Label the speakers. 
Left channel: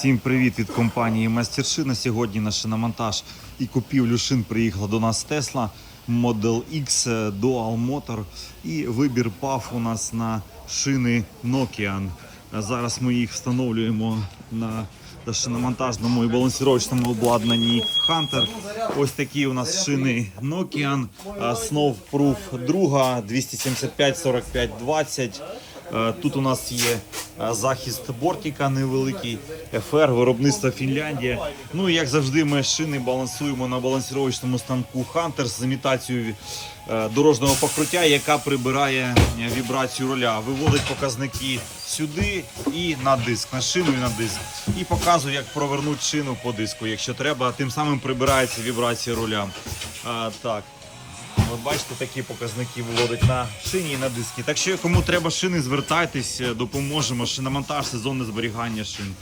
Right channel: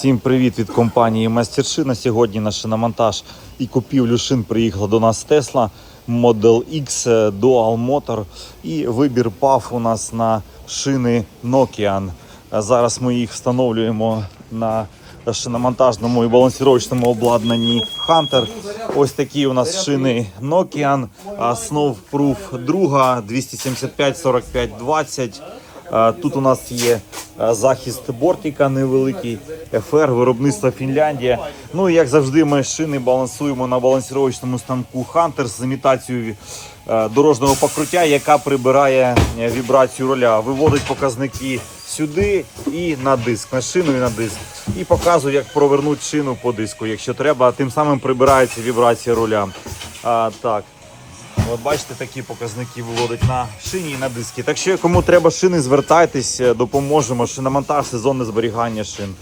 Speaker 1: Всім привіт від компанії Майстершина. Сьогодні на шиномонтаж і купівлю шин приїхала до нас Tesla Model X е, Dual Motor і вибір пав у нас на шини Nokian. Зараз ми їх встановлюємо на шиномонтажному і балансировочному обладнанні Hunter. Ось такі у нас шини Nokian, Snow Proof 2 275 45 20 Тут у нас є захист бортика невеликий, FR, виробництво Фінляндія. Ну і як завжди, ми шини балансуємо на балансировочному станку Hunter з імітацією е, дорожнього покриття, яка прибирає е, вібрацію руля, виводить показники сюди і на диск, на шину і на диск. І показує, як провернути шину по диску, якщо треба. Тим самим прибирається вібрація руля. А, так. От бачите, такі показники виводить на шині і на диски. Так що, кому треба шини, звертайтесь, допоможемо. Шиномонтаж, сезонне зберігання шин.